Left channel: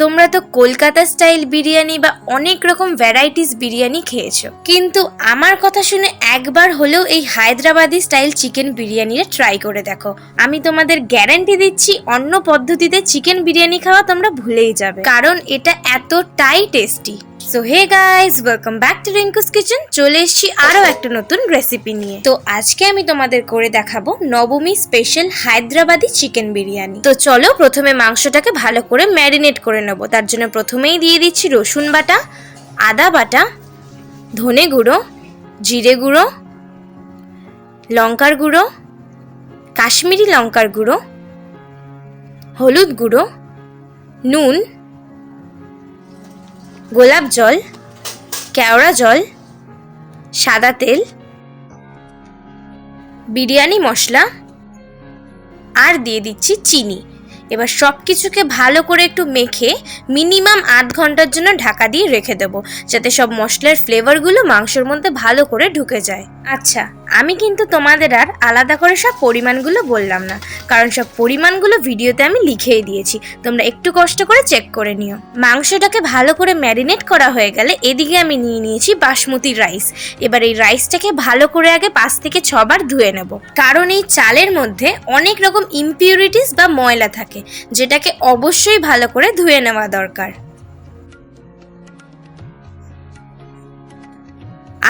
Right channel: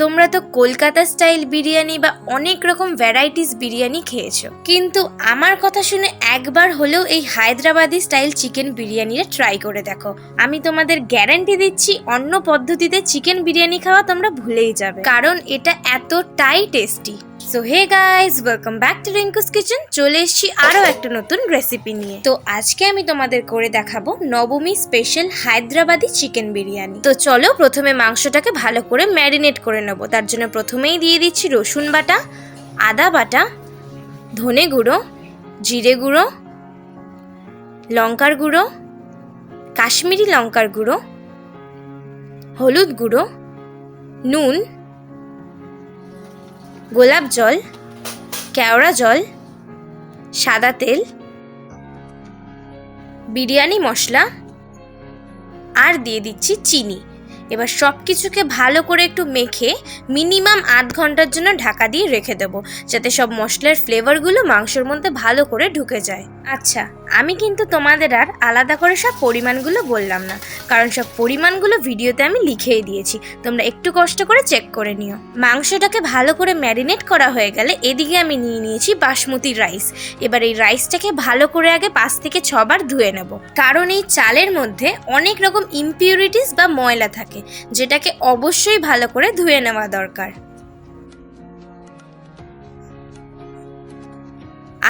তোমরা তো কলকাতা স্টাইল বিরিয়ানি বা অনেক রকম ভ্যারাইটিস বিরিয়ানি খেয়েছো। কিন্তু আমার কথা শুনে একবার হলেও এই হায়দ্রাবাদি স্টাইল চিকেন বিরিয়ানিটা ট্রাই করে দেখো। আমি তোমাদের গ্যারান্টি দিচ্ছি, অন্য পদ্ধতিতে চিকেন বিরিয়ানি খাওয়া তোমরা ভুলেই যাবে। কারণ এটা এতটাই tasty so hey guys welcome back to Rinku's kitchen চলে এসেছি আরও একটা নতুন রেসিপি নিয়ে। তো আজকে আমি তোমাদের করে দেখাবো নবমী স্পেশাল হায়দ্রাবাদি চিকেন বিরিয়ানি। তো চলো প্রথমে মাংসটাকে ভালো করে ম্যারিনেট করে নেব। তার জন্য প্রথমেই দিয়ে দিচ্ছি রসুন বাটা, আদা বাটা, ধনে গুঁড়ো, জিরে গুঁড়ো, লঙ্কার গুঁড়ো, কাশ্মীরি লঙ্কার গুঁড়ো, হলুদ গুঁড়ো, নুন গোলাপ জল কেওড়া জল সাদা তেল বিরিয়ানি মশলা আর দিয়ে দিচ্ছি চিনি। এবার সব কিছুকে ভালো করে একটু মেখে মিনিমাম আধ ঘণ্টার জন্য ঢাকা দিয়ে রেখে দেবো, যাতে সব মশলার ফ্লেভারগুলো মাংসের মধ্যে ভালো করে ঢুকে যায়। আচ্ছা আমি কিন্তু তোমাদের আর আলাদা করে সব পরিমাণগুলো বললাম না, কারণ সব পরিমাণগুলো ভিডিওতে আমি লিখেই দিয়েছি। তোমরা একটু কষ্ট করে চেক করে নিও। মাংসটাকে ভালো করে ম্যারিনেট করা হয়ে গেলে এদিকে আমি নিয়ে নিয়েছি বাসমতি রাইস। এবার এই রাইসটাকে ভালো করে আগে পাঁচ থেকে ছবার ধুয়ে নেব। কারণ এই চালের মধ্যে অনেক রকম ইমপিউরিটিস বা ময়লা থাকে। যেটাকে অবশ্যই ভালো করে ধুয়ে নেওয়া দরকার।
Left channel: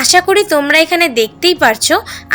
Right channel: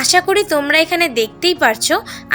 আশা করি তোমরা এখানে দেখতেই পারছ,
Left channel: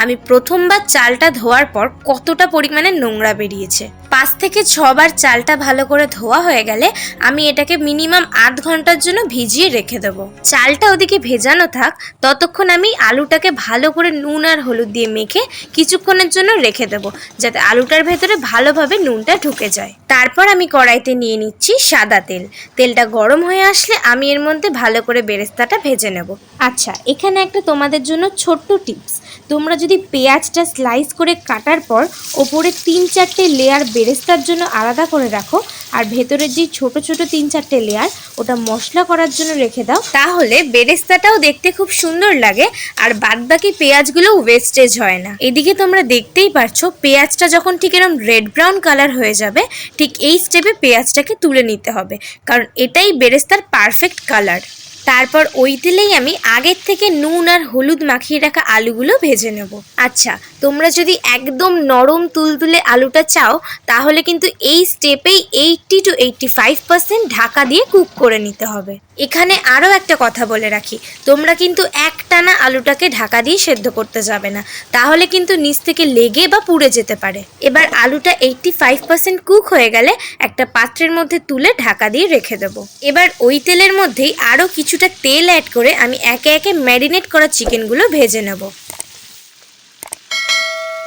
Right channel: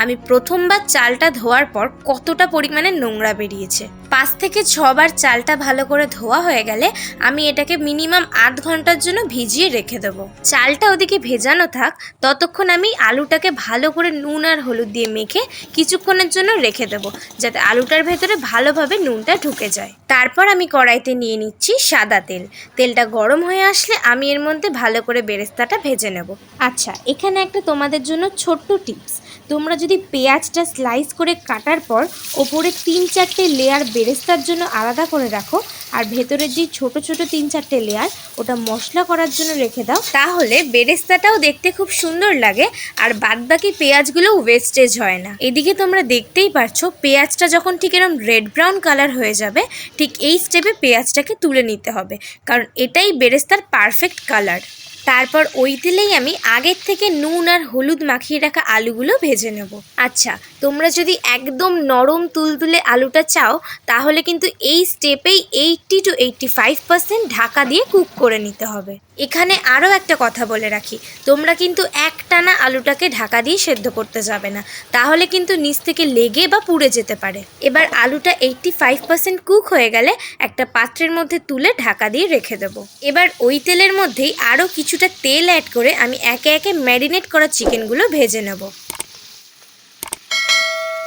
আমি প্রথমবার চালটা ধোয়ার পর কতটা পরিমাণে নোংরা বেরিয়েছে। পাঁচ থেকে ছবার চালটা ভালো করে ধোয়া হয়ে গেলে আমি এটাকে মিনিমাম আধ ঘণ্টার জন্য ভিজিয়ে রেখে দেবো। চালটা ওদিকে ভেজানো থাক, ততক্ষণ আমি আলুটাকে ভালো করে নুন আর হলুদ দিয়ে মেখে কিছুক্ষণের জন্য রেখে দেবো, যাতে আলুটার ভেতরে ভালোভাবে নুনটা ঢুকে যায়। তারপর আমি কড়াইতে নিয়ে নিচ্ছি সাদা তেল। তেলটা গরম হয়ে আসলে আমি এর মধ্যে ভালো করে বেরেস্তাটা ভেজে নেব। আচ্ছা এখানে একটা তোমাদের জন্য ছোট্ট টিপস। তোমরা যদি পেঁয়াজটা স্লাইস করে কাটার পর ওপরে তিন চারটে লেয়ার বেরেস্তার জন্য আলাদা করে রাখো, আর ভেতরের যে ছোট ছোট তিন চারটে লেয়ার ওটা মশলা করার জন্য রেখে দাও। তাহলে বেরেস্তাটাও দেখতে খুব সুন্দর লাগে, আর বাদবাকি পেঁয়াজগুলো ওয়েস্টেজ হয় না। এদিকে তোমরা দেখতেই পারছ, পেঁয়াজটা যখন ঠিক এরকম রেড ব্রাউন কালার হয়ে যাবে, ঠিক এই স্টেপে পেঁয়াজটাকে তুলে নিতে হবে, কারণ এটাই বেরেস্তার পারফেক্ট কালার তারপর ওই তেলেই আমি আগের থেকে নুন আর হলুদ মাখিয়ে রাখা আলুগুলো ভেজে নেব। আচ্ছা তোমরা যদি একদম নরম তুলতুলে আলুটা চাও, তাহলে কিন্তু এই স্টেপেই eighty two eighty five percent Dhaka দিয়ে কুক করে নিতে হবে। এখানে আরও একটা কথা বলে রাখি। তোমরা কিন্তু এক টানা আলুটাকে ঢাকা দিয়ে সেদ্ধ করতে যাবে না। তাহলে কিন্তু নিচ থেকে লেগে বা পুড়ে যেতে পারে। এবার আলুটা এইটটি ফাইভ পার্সেন্ট কুক হয়ে গেলে একটা পাত্রের মধ্যে তুলে ঢাকা দিয়ে রেখে দেবো। এবার ওই তেলের মধ্যেই আরও কিছুটা তেল অ্যাড করে আমি একে একে ম্যারিনেট করা চিকেনগুলো ভেজে নেব।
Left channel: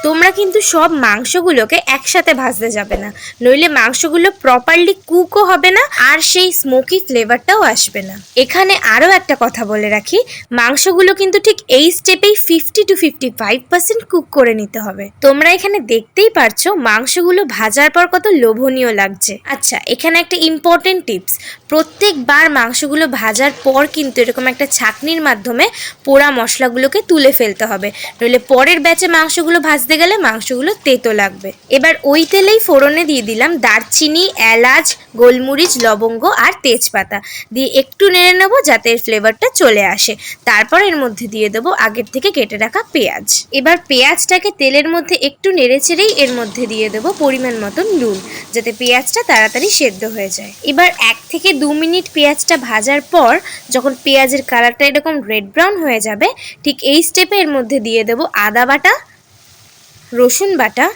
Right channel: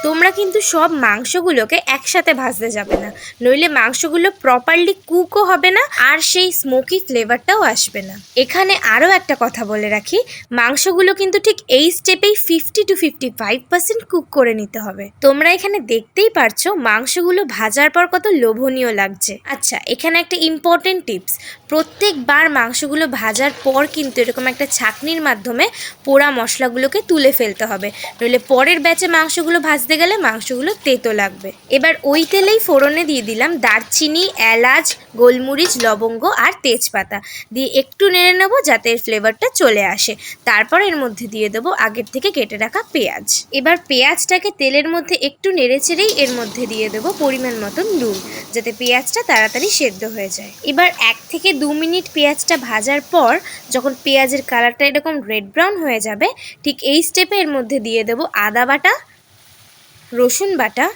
তোমরা কিন্তু সব মাংসগুলোকে একসাথে ভাজতে যাবে না। নইলে মাংসগুলো প্রপারলি কুকও হবে না, আর সেই স্মোকি ফ্লেভারটাও আসবে না। এখানে আরও একটা কথা বলে রাখি, মাংসগুলো কিন্তু ঠিক এই স্টেপেই fifty two fifty five percent cook করে নিতে হবে। তোমরা এখানে দেখতেই পারছ, মাংসগুলো ভাজার পর কত লোভনীয় লাগছে। আচ্ছা এখানে একটা ইম্পর্টেন্ট টিপস প্রত্যেকবার মাংসগুলো ভাজার পর কিন্তু এরকম একটা ছাকনির মাধ্যমে পোড়া মশলাগুলোকে তুলে ফেলতে হবে। নইলে পরের ব্যাচে মাংসগুলো ভাজতে গেলে মাংসগুলো তেতো লাগবে। এবার ওই তেলেই ফোড়নে দিয়ে দিলাম দারচিনি, এলাচ, গোলমরিচ, লবঙ্গ আর তেজপাতা। দিয়ে একটু নেড়ে নেব যাতে এর ফ্লেভারটা চলে আসে। তারপর এর মধ্যে দিয়ে দেবো আগের থেকে কেটে রাখা পেঁয়াজ। এবার পেঁয়াজটাকে তেলের মধ্যে একটু নেড়ে চেড়েই এর মধ্যে দিয়ে দেবো পরিমাণ মতন নুন, যাতে পেঁয়াজটা তাড়াতাড়ি সেদ্ধ হয়ে যায়। এবার এক থেকে দু মিনিট পেঁয়াজটা ভাজার পর যখন পেঁয়াজের কালারটা এরকম রেড ব্রাউন হয়ে যাবে, ঠিক এই স্টেপে এর মধ্যে দিয়ে দেবো আদা বাটা রসুন বাটা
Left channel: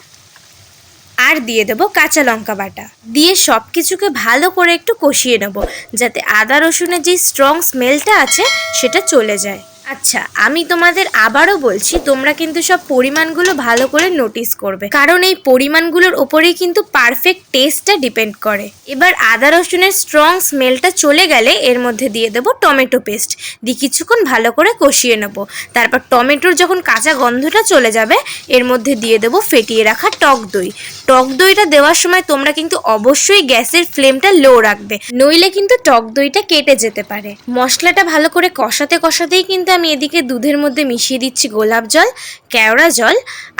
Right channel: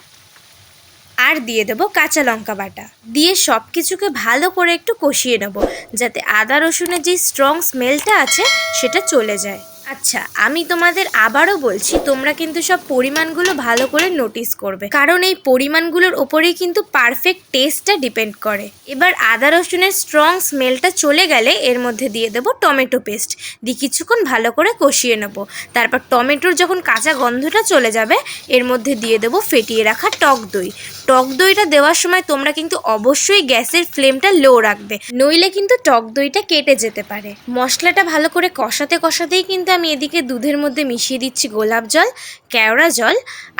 আর দিয়ে দেবো কাঁচা লঙ্কা বাটা। দিয়ে সব কিছুকে ভালো করে একটু কষিয়ে নেব, যাতে আদা রসুনের যে স্ট্রং স্মেলটা আছে, সেটা চলে যায়। আচ্ছা আমি তোমাদের আবারও বলছি, তোমরা কিন্তু সব পরিমাণগুলো ভালো করে নোটিস করবে। কারণ এই পরিমাণগুলোর ওপরেই কিন্তু পারফেক্ট টেস্টটা ডিপেন্ড করে। এবার আদা, রসুনের স্ট্রং স্মেলটা চলে গেলে এর মধ্যে দিয়ে দেবো টমেটো পেস্ট দিয়ে কিছুক্ষণ ভালো করে কষিয়ে নেব। তারপর টমেটোর যখন কাঁচা গন্ধটা চলে যাবে, এর মধ্যে দিয়ে দেবো ফেটিয়ে রাখা টক দই। টক দইটা দেওয়ার সময় তোমরা কিন্তু অবশ্যই গ্যাসের ফ্লেমটা লো রাখবে। নইলে কিন্তু টক দইটা কেটে যেতে পারে। মশলাটা ভালো করে কষাতে কষাতেই কিন্তু আমি এদিকে দুধের মধ্যে মিশিয়ে দিচ্ছি গোলাপ জল কেওড়া জল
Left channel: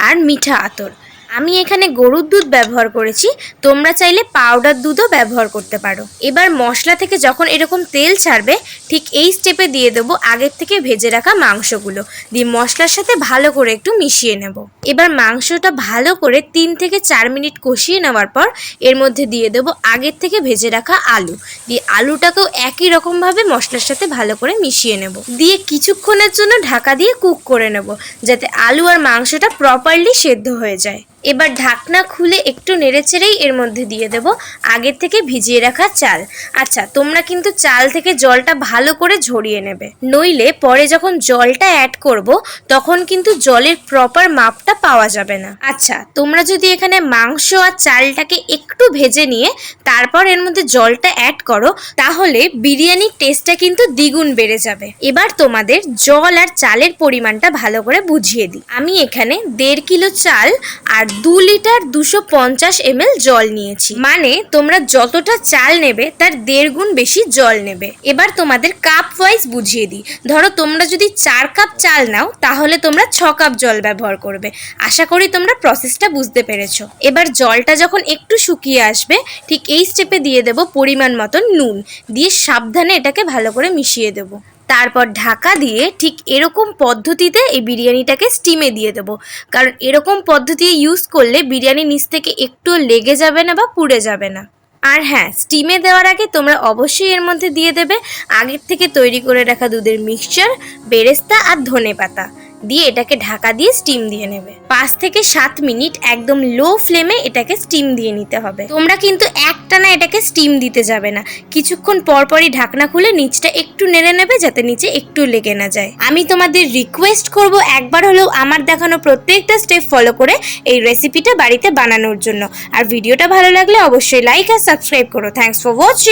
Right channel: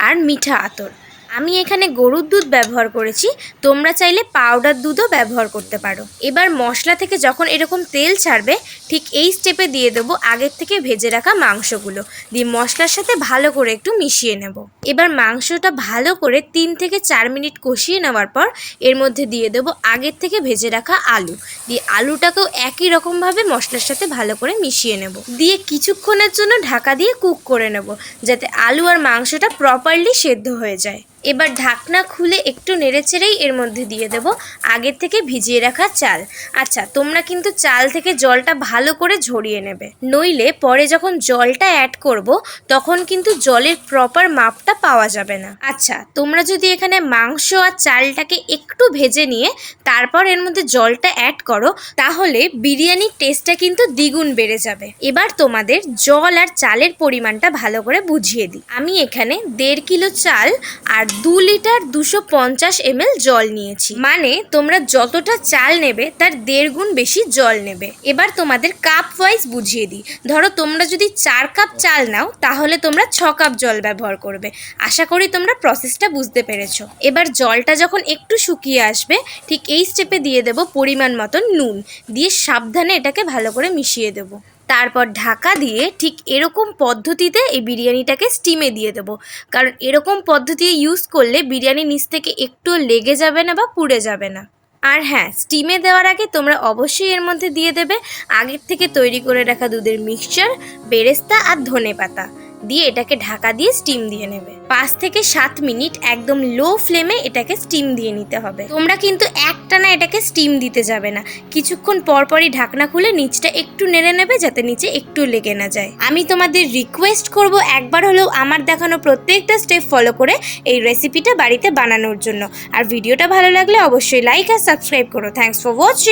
আর মিঠা আতর। আমি এখানে গরুর দুধ ব্যবহার করেছি, তোমরা চাইলে পাউডার দুধও ব্যবহার করতে পারো। এবার মশলা থেকে যখন এরকম তেল ছাড়বে, ঠিক এই স্টেপে দিয়ে দেবো আগের থেকে ভেজে রাখা মাংসগুলো। দিয়ে মশলার সাথে ভালো করে একটু মিশিয়ে নেব। এবার মাংসটা ভালো করে তিন থেকে চার মিনিট কষিয়ে নেওয়ার পর, এর মধ্যে দিয়ে দেবো আগের থেকে ভেজে রাখা আলু। দিয়ে আলুটাকেও একই রকমভাবে মশলার সাথে ভালো করে মিশিয়ে নেব। দিয়ে কিছুক্ষণের জন্য ঢাকা দিয়ে কুক করে নেব, যাতে আলু আর মাংসটা প্রপারলি সেদ্ধ হয়ে যায়। এবার ঢাকনা খুলে একটু নেড়েচেড়েই এর মধ্যে দিয়ে দেব। আগের থেকে ভিজিয়ে রাখা চাল। আচ্ছা তোমরা কিন্তু চাল থেকে জলটা ভালো করে ঝরিয়ে নেবে। নইলে পরে যখন জলটা অ্যাড করব, তখন কিন্তু জলের প্রপার মাপটা পাওয়া যাবে না। আচ্ছা তোমরা যদি এখানে মাংস আর চালটাকে একটু ভেজে নিয়ে তারপর এর মধ্যে জলটা অ্যাড করো, তাহলে বিরিয়ানির টেস্টটা কিন্তু দ্বিগুণ বেড়ে যাবে। এবার তোমাদের জল আর চালের পরিমাণটা ভালো করে বুঝিয়ে দিই। আমি এখানে দেড় কিলো চাল আর দু লিটার দুশো পঞ্চাশ এমএল জল নিয়েছি। মানে তোমরা যতটা চাল নেবে, তার দেড় গুণ বেশি জল নেবে। এবার তোমাদের কাপ ওয়াইজ বুঝিয়ে দিই। ধরো তোমরা যদি চার কাপ চাল নাও, তাহলে তোমরা ছ কাপ জল ব্যবহার করবে। আশা করি তোমরা প্রসেসটা বুঝতে পেরেছ। এবার জলটা যখন একটু শুকিয়ে আসবে, ঠিক এই স্টেপে দিয়ে দেব পরিমাণ মতন নুন। দিয়ে সাবধানে এটাকে ভালো করে মিশিয়ে দেবো। তারপর ঢাকা দিয়ে ঠিক এরকম পদ্ধতিতে এই বিরিয়ানিটাকে স্টিমে দিয়ে দেবো। কারণ এরকম পদ্ধতি ইউজ করলে বিরিয়ানি নিচ থেকে একটু লেগে যাবে না বা পুড়ে যাবে না। আর হ্যাঁ স্টিমে দেওয়ার আগে তোমরা অবশ্যই এর মধ্যে দিয়ে দেবে। আগের থেকে তৈরি করে রাখা দুধের মিক্সচার বেরেস্তা আর ধনে পাতা দিয়ে এটাকে ঢাকা দিয়ে স্টিম দিয়ে নেবে। পাঁচ থেকে সাত মিনিট একদম লো ফ্লেমে এটাকে স্টিম দিয়ে নিতে হবে। তোমরা কিন্তু একটানা এটাকে স্টিম দিতে যাবে না। কিছুক্ষণ পরপরই ঢাকনা খুলে নিচটা একটু নেড়ে নেবে যাতে নিচে একটু লেগে না যায়। আমি তোমাদের রিকোয়েস্ট করব একবার হলেও আমার দেখানো প্রত্যেকটা স্টেপ ফলো করে এই রেসিপিটা বাড়িতে বানানোর জন্য। আর ভিডিওটা ভালো লাগলে অবশ্যই লাইক আর সাবস্ক্রাইব করো। Thanks for watching